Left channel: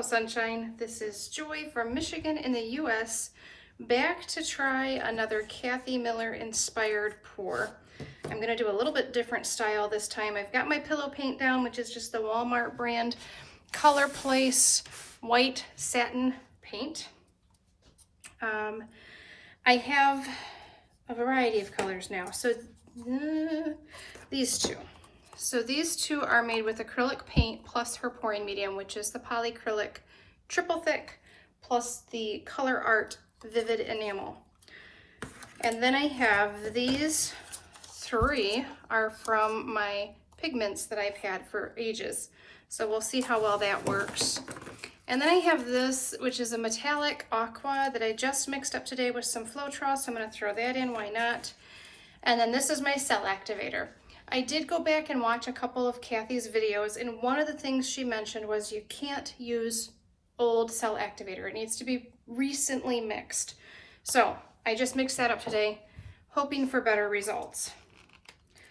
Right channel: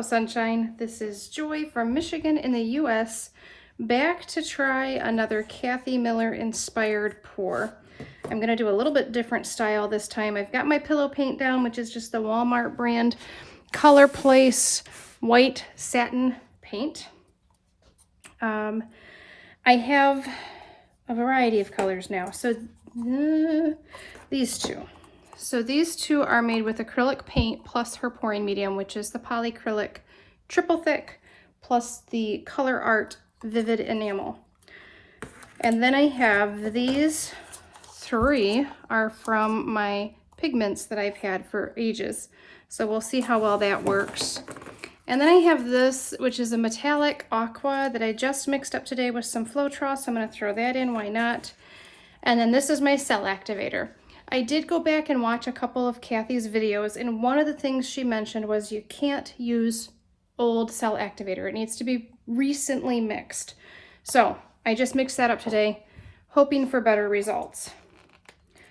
Hello Sunshine, this is Joy from Michigan in the US, back to try another Kathleen Miller inspired pour. I'm going to do a little bit different style this time. I've got my pillow paint down, which is just the Walmart brand Color Place white satin paint. I have a variety of colors now, so these two. So these two are made with acrylic paint plus her pouring medium, which is the polyacrylic triple thick plus the Color Art vivid enamel. And then I have these three are from my pigments that I've had for ages. So we'll see how well that works. And then I have this, which is a metallic aqua that I just mixed up today with some Floetrol, so I'm going to throw that in, why not? And then this is my cell activator. I did go back and watch a couple of Kathy's videos, and one of the things she mentioned was you can't use old cell activator. It needs to be recently mixed. So I just mixed that up today, hoping for better results.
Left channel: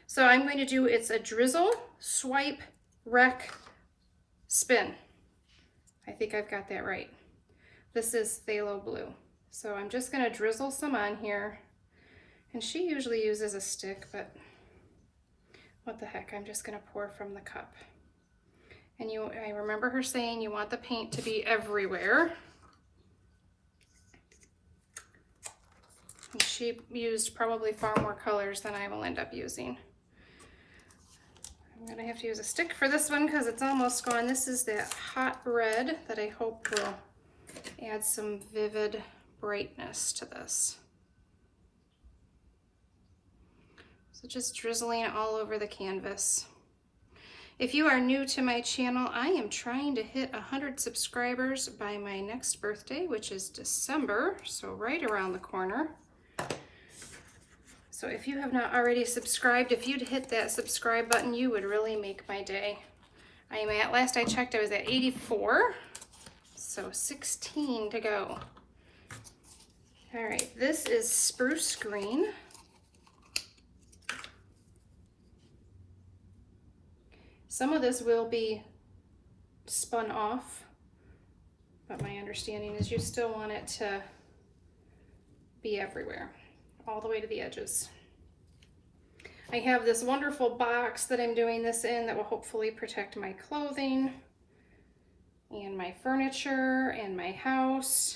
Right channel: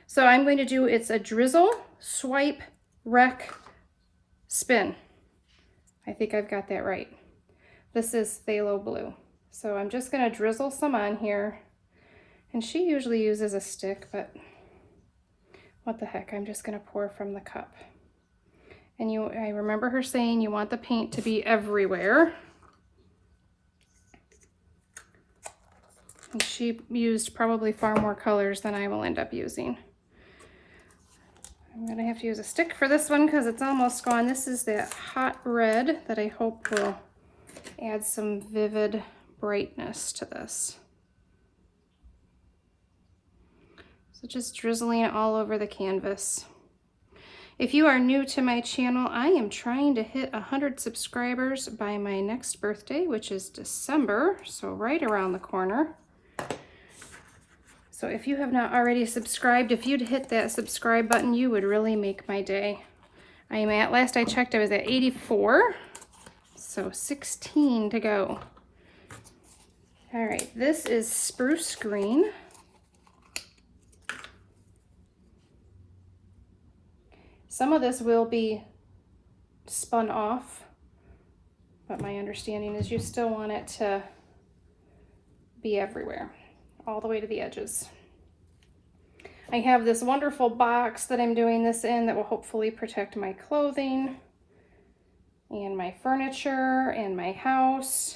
So I'm going to do, it's a drizzle, swipe, rec, spin. I think I've got that right. This is phthalo blue. So I'm just going to drizzle some on here. And she usually uses a stick, but what the heck, I'm just going to pour from the cup. And I remember her saying you want the paint to be everywhere. And she used probably far more colors than I will end up using. I'm going to have to use a stick for this one because it's almost gone. This is that hot red that I hope will add some vivid brightness to this. So just drizzling it all over the canvas. If you are new to my channel, I am trying to hit 100 subscribers by my next birthday, which is December, so right around the corner. So if you have not already subscribed, if you'd hit that subscribe button, you would really make my day. I am at, last I checked, I was at 84, so 16 to go. All right, this is spruce green. Some of this will be spun off, but my understanding is you still want it to be everywhere, all the way to the edges. I have this wonderful box that I'm doing this in that will hopefully protect my clothing and my furniture and my house.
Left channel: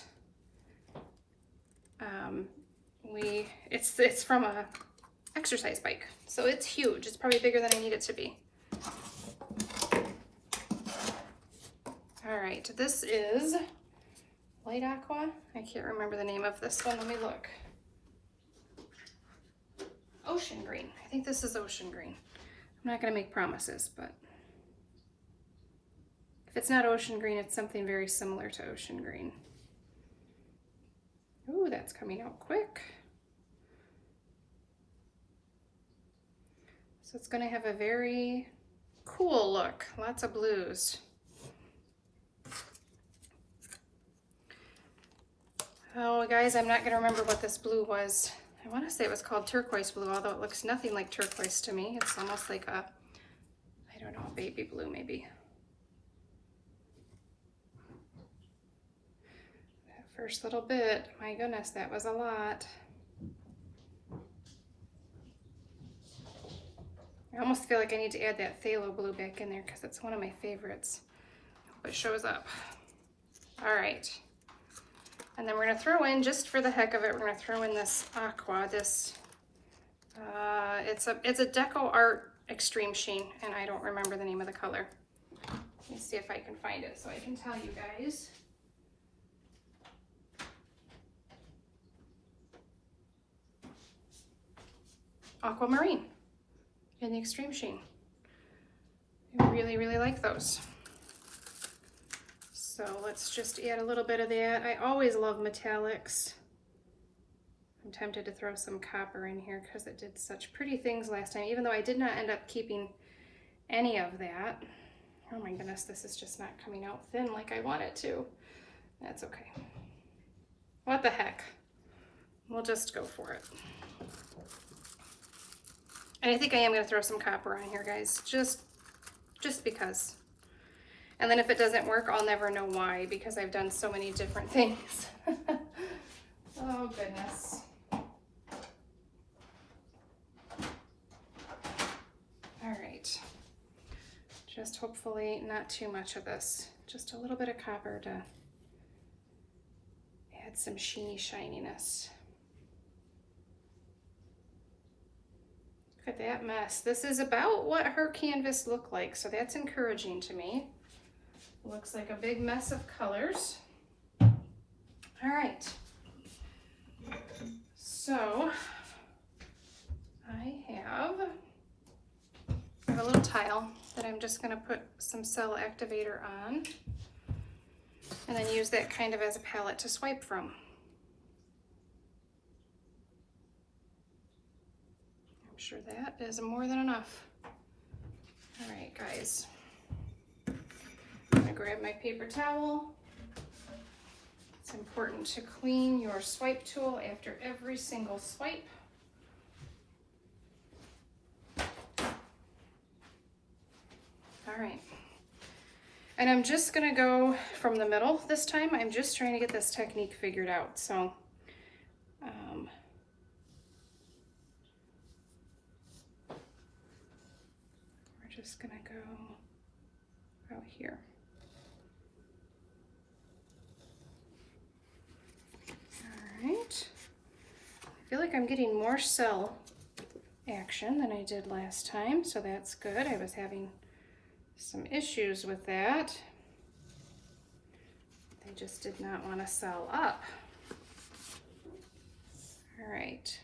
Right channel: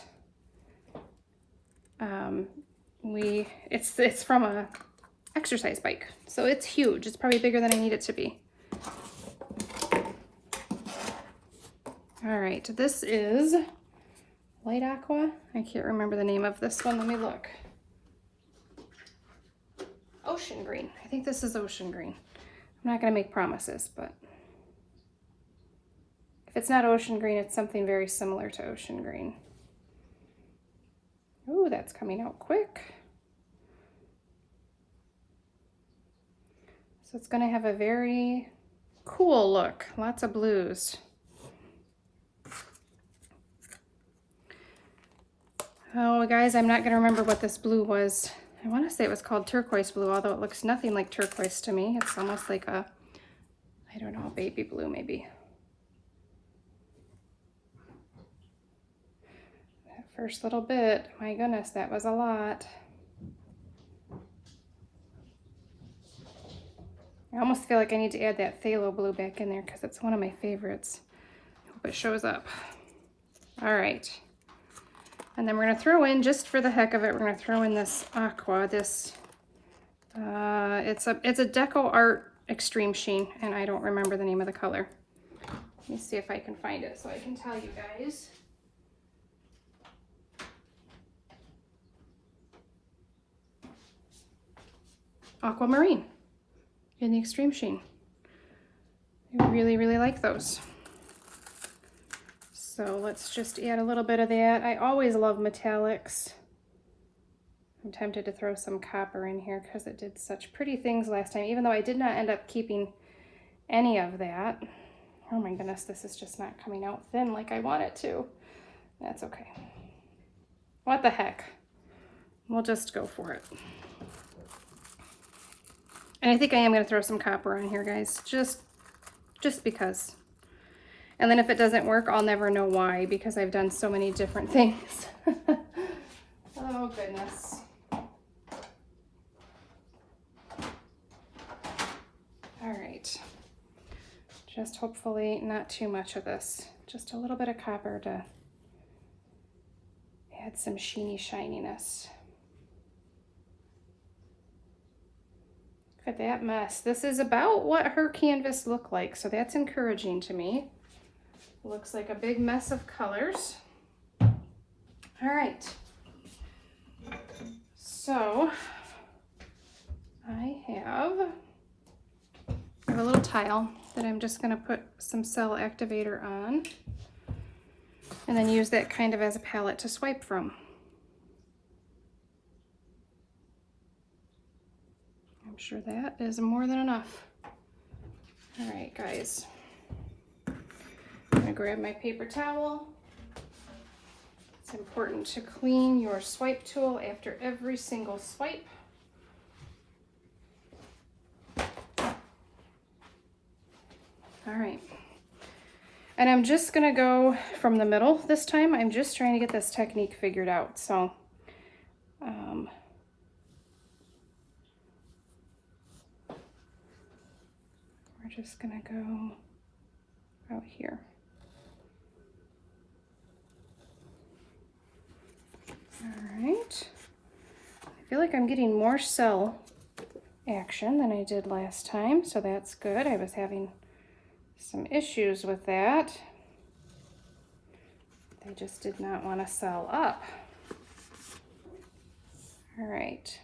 It's from a exercise bike, so it's huge. It's probably bigger than I need it to be. All right, this is light aqua. I can't remember the name of this one. Let me look. Ocean green. I think this is ocean green. I'm not going to make promises, but if it's not ocean green, it's something very similar to ocean green. Ooh, that's coming out quick. So it's going to have a very cool look. Lots of blues. Oh, guys, I'm not going to remember what this blue was. I want to say it was called turquoise blue, although it looks nothing like turquoise to me. It's almost like a, I don't know, baby blue maybe. That first little bit, my goodness, that was a lot. I almost feel like I need to add that phthalo blue back in there because it's one of my favorites. I hope it shows up. All right. And then we're going to throw in, just for the heck of it, we're going to throw in this aqua. This, it's a Deco Art Extreme Sheen, and I don't remember the name of the color. Let me see if I can find it so I can tell you guys. Aquamarine in the Extreme Sheen. I really, really like those. So let's just add a little bit of that. I always love metallics. I'm tempted to throw some copper in here because it did such pretty things last time, even though I did not end up keeping any of that. Oh my goodness, this is just not coming out thin like I want it to. That's okay. What the heck? We'll just go for it. And I think I am going to throw some copper on here, guys, just because. And then if it doesn't work, I'll never know why, because I've done so many different things. Oh goodness. All right. Just hopefully not too much of this. Just a little bit of copper to add some sheeny shininess. Look at that mess. This is about what her canvas looked like, so that's encouraging to me. Looks like a big mess of colors. All right. So I have a little tile that I'm just going to put some cell activator on, and then use that kind of as a palette to swipe from. I'm sure that is more than enough. All right, guys. I'm gonna grab my paper towel. It's important to clean your swipe tool after every single swipe. All right. And I'm just gonna go from the middle this time. I'm just trying to get this technique figured out. So, we're just gonna go out here. All right. I feel like I'm getting more cell action than I did last time, so that's good. I was having some issues with that. They just did not want to cell up. All right.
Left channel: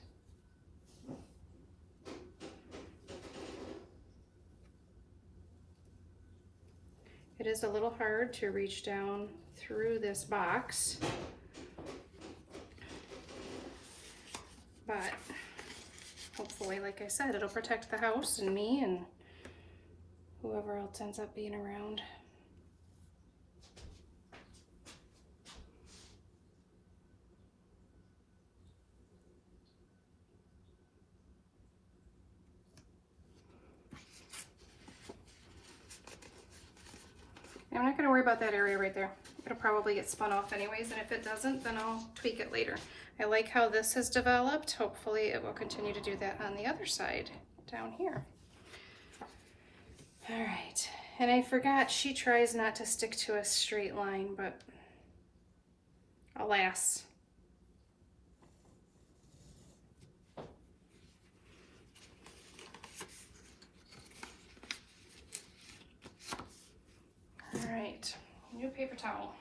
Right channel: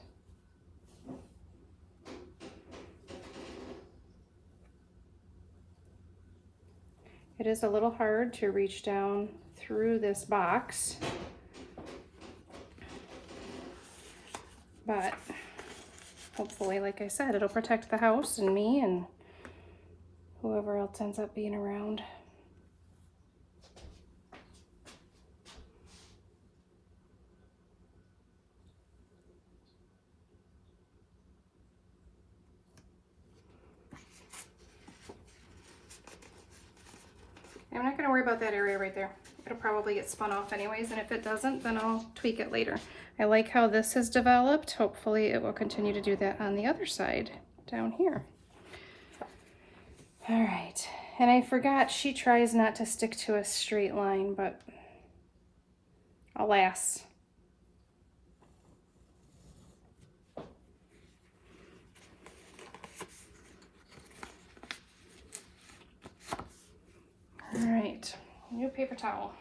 It is a little hard to reach down through this box, but hopefully, like I said, it'll protect the house and me and whoever else ends up being around. I'm not going to worry about that area right there. It'll probably get spun off anyways, and if it doesn't, then I'll tweak it later. I like how this has developed. Hopefully it will continue to do that on the other side down here. All right, and I forgot she tries not to stick to a straight line, but alas. All right, new paper towel.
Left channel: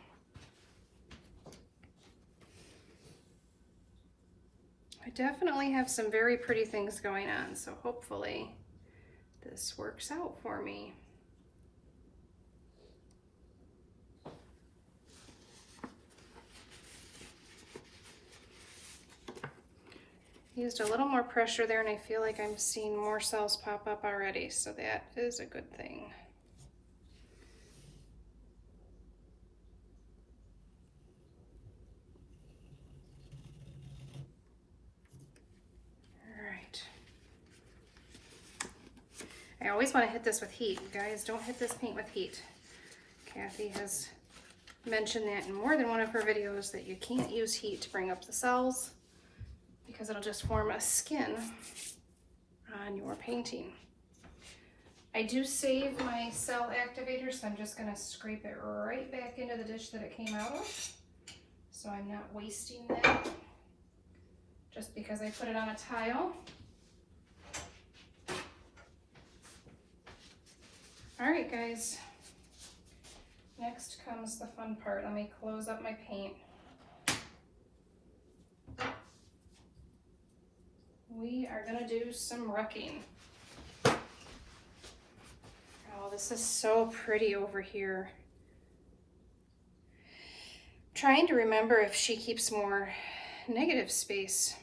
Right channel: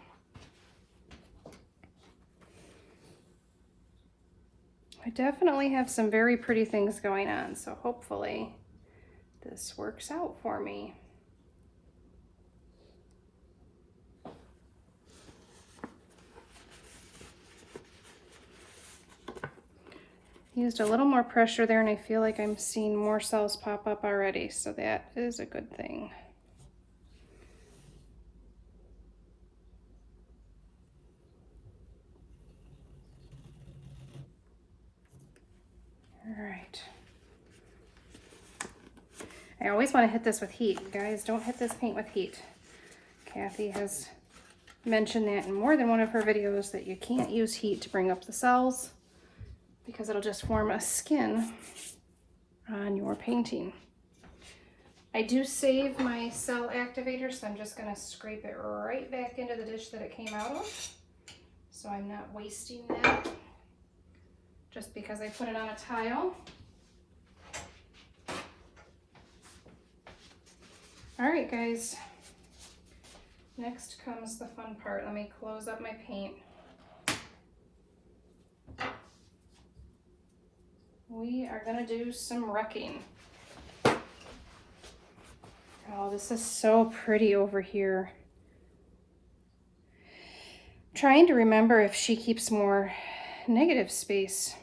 I definitely have some very pretty things going on, so hopefully this works out for me. Used a little more pressure there, and I feel like I'm seeing more cells pop up already, so that is a good thing. All right. I always want to hit this with heat. Guys, don't hit this paint with heat. Kathy has mentioned that in more than one of her videos, that you can't use heat to bring up the cells because it'll just form a skin on your painting. I do save my cell activator, so I'm just going to scrape it right back into the dish that it came out of, so I'm not wasting that just because I put it on a tile. All right, guys, next comes the fun part. Let me close up my paint. We are gonna do some wrecking. Oh, this is so pretty over here. I'm trying to remember if she keeps more negative space.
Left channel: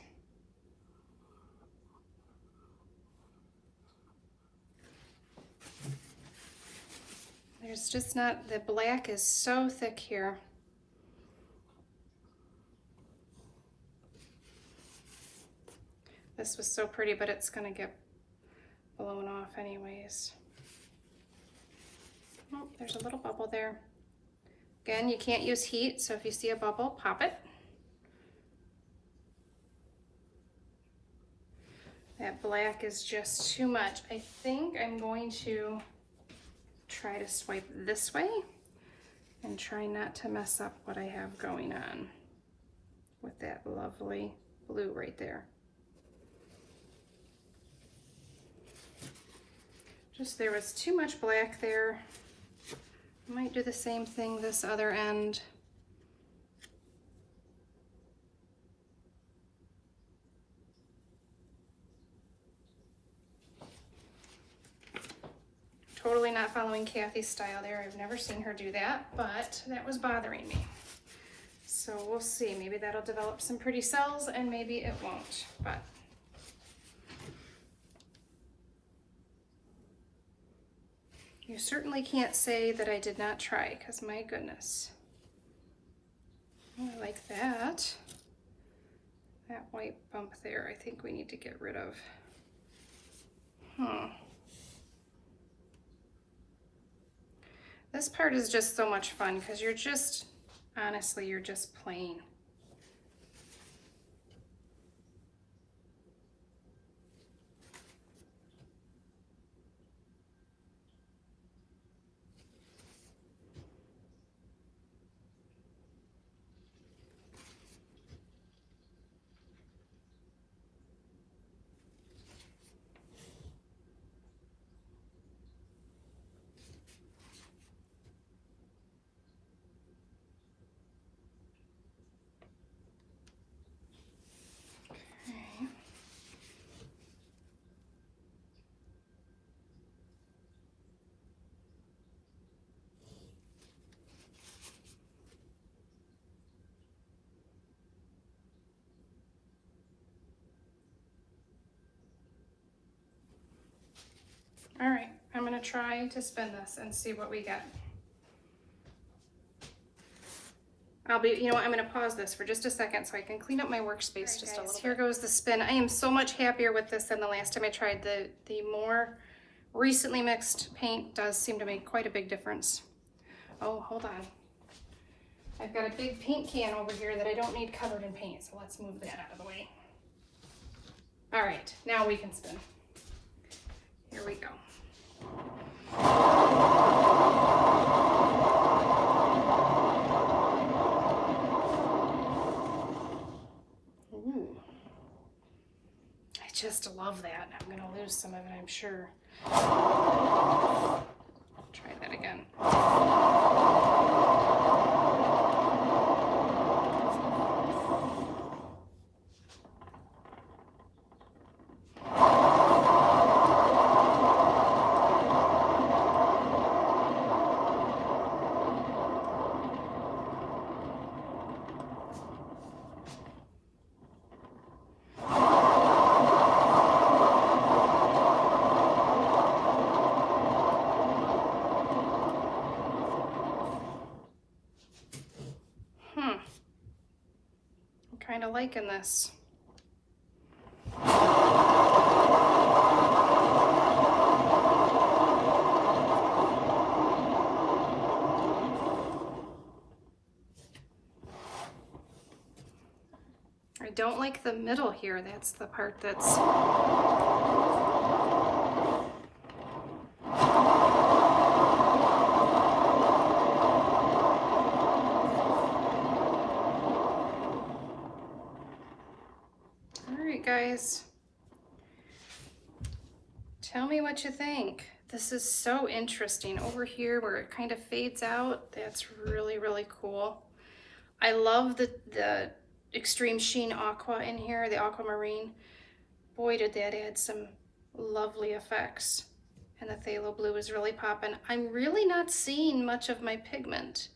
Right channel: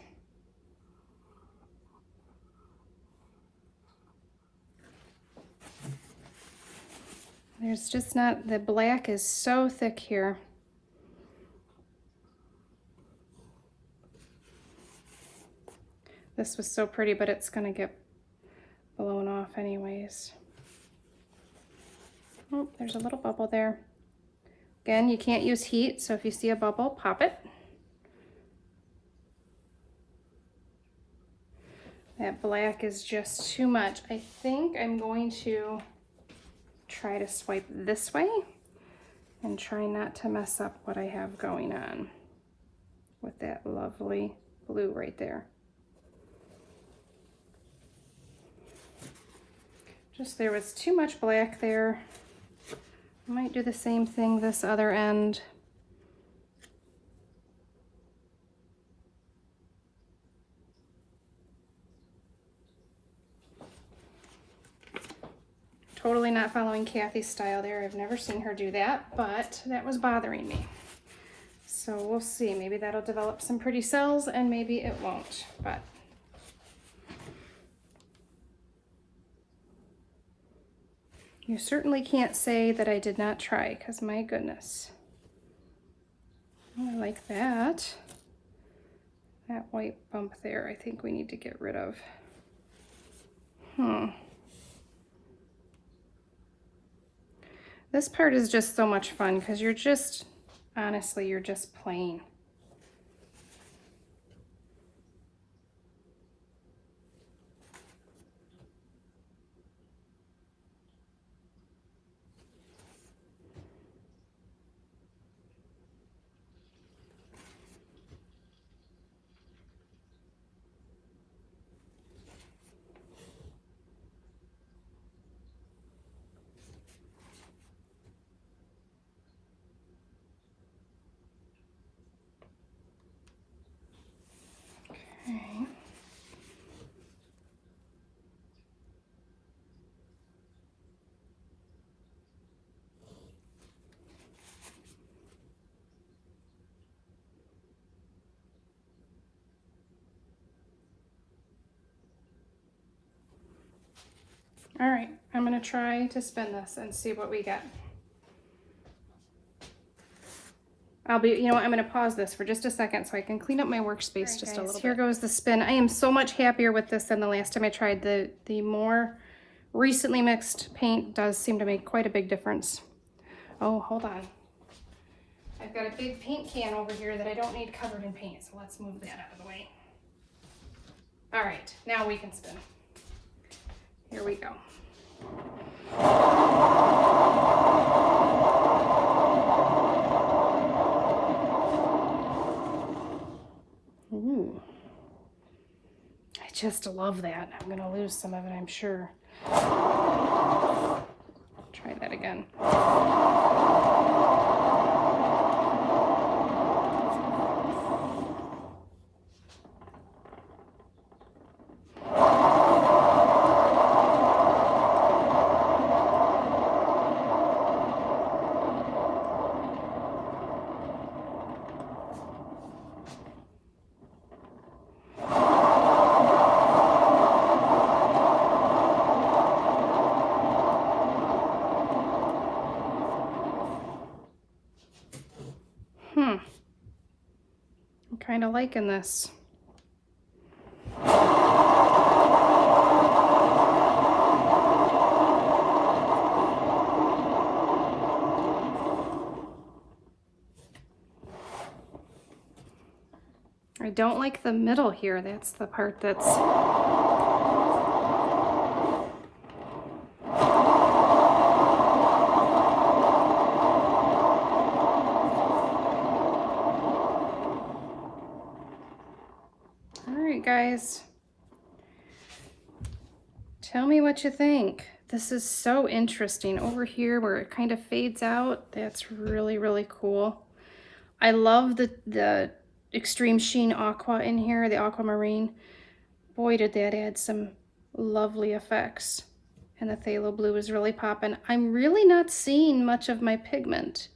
There's just not, the black is so thick here. This was so pretty, but it's gonna get blown off anyways. Oh, there's a little bubble there. Again, you can't use heat, so if you see a bubble, pop it. That black is just too much. I think I'm going to try to swipe this way and try not to mess up what I have going on with that lovely blue right there. Just there was too much black there. I might do the same thing this other end. Totally not following Kathy's style there. I've never seen her do that, but that was bothering me. So we'll see. Maybe that'll develop some pretty cells and maybe it won't, but you certainly can't say that I did not try, because my goodness. I like that. That white bump there, I think we need to get rid of. This part is just so much fun because you're just, honestly, you're just playing. Okay. All right, I'm gonna try to spin this and see what we get. You know what, I'm gonna pause this for just a second so I can clean up my workspace just a little bit. Here goes the spin. I am so much happier with this than the last time I tried. The more recently mixed paint does seem to make quite a big difference. Oh, hold on. I've got a big paint can over here that I don't need covered in paint, so let's move that out of the way. All right, now we can spin. Here we go. Ooh. I just love that. I'm gonna lose some of it, I'm sure. Try that again. I'm kind of liking this. I don't like the middle here. That's the part that's... Guys, tell me what you think. This is so interesting. Over here where it kind of fades out, that's really, really cool. I love the extreme sheen aqua in here, the aquamarine. Boy, did that add some lovely effects. And the phthalo blue is really popping. I'm really not seeing much of my pigment.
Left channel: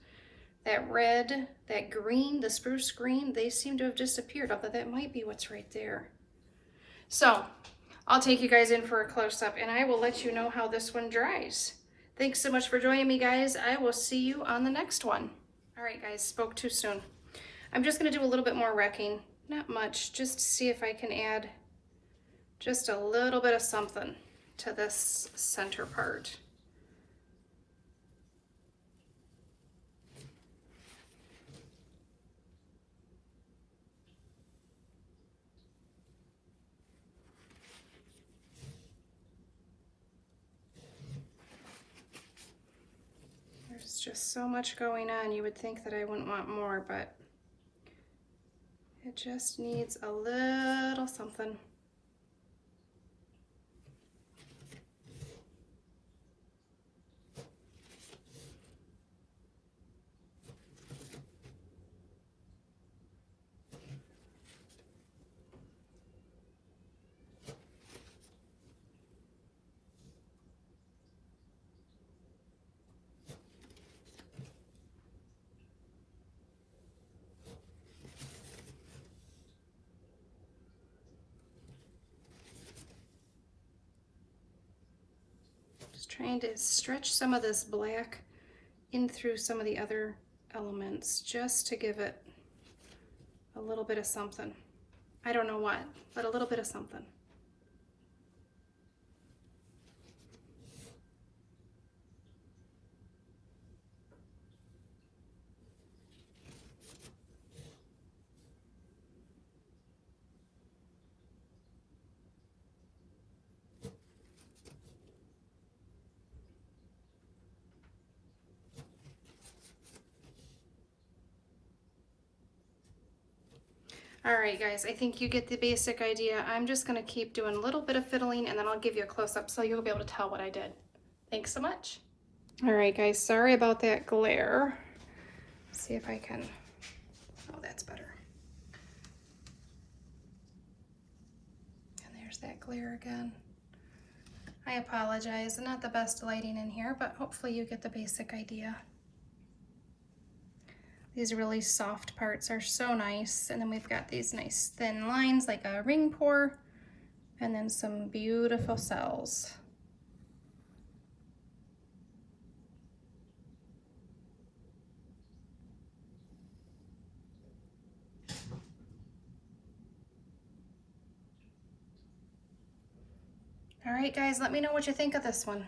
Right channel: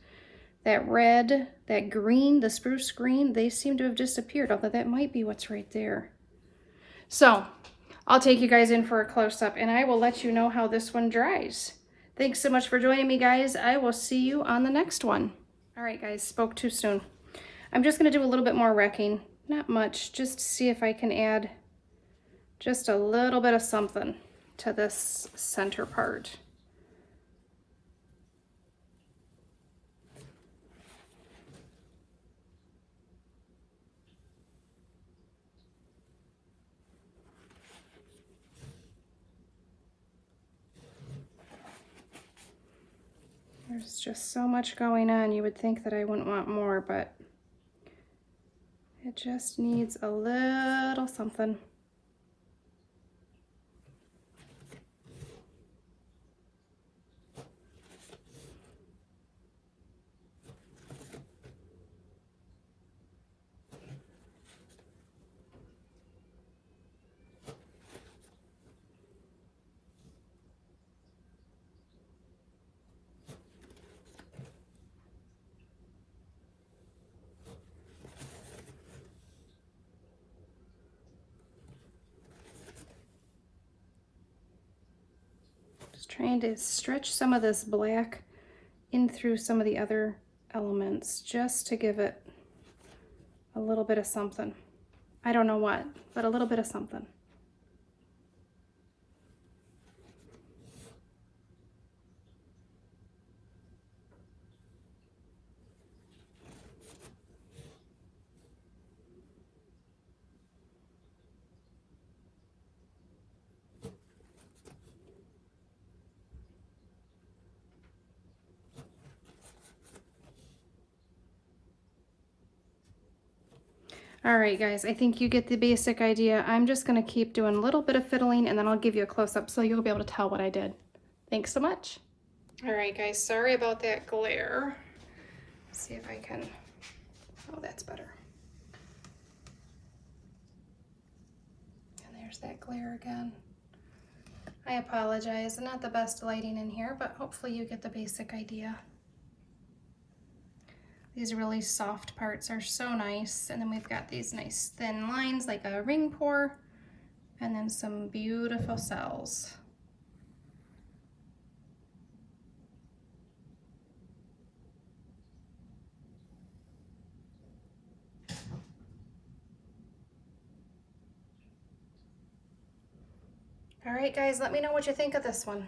That red, that green, the spruce green, they seem to have disappeared, although that might be what's right there. So I'll take you guys in for a close-up and I will let you know how this one dries. Thanks so much for joining me, guys. I will see you on the next one. All right, guys, spoke too soon. I'm just gonna do a little bit more wrecking, not much, just to see if I can add just a little bit of something to this center part. just so much going on. You would think that I wouldn't want more, but it just needs a little something. Trying to stretch some of this black in through some of the other elements just to give it a little bit of something. I don't know what, but a little bit of something. All right, guys, I think you get the basic idea. I'm just gonna keep doing a little bit of fiddling and then I'll give you a close-up so you'll be able to tell what I did. Thanks so much. All right, guys, sorry about that glare. Let's see if I can, oh, that's better. And there's that glare again. I apologize, not the best lighting in here, but hopefully you get the basic idea. These really soft parts are so nice. And then we've got these nice thin lines like a ring pour, and then some beautiful cells. All right, guys, let me know what you think of this one.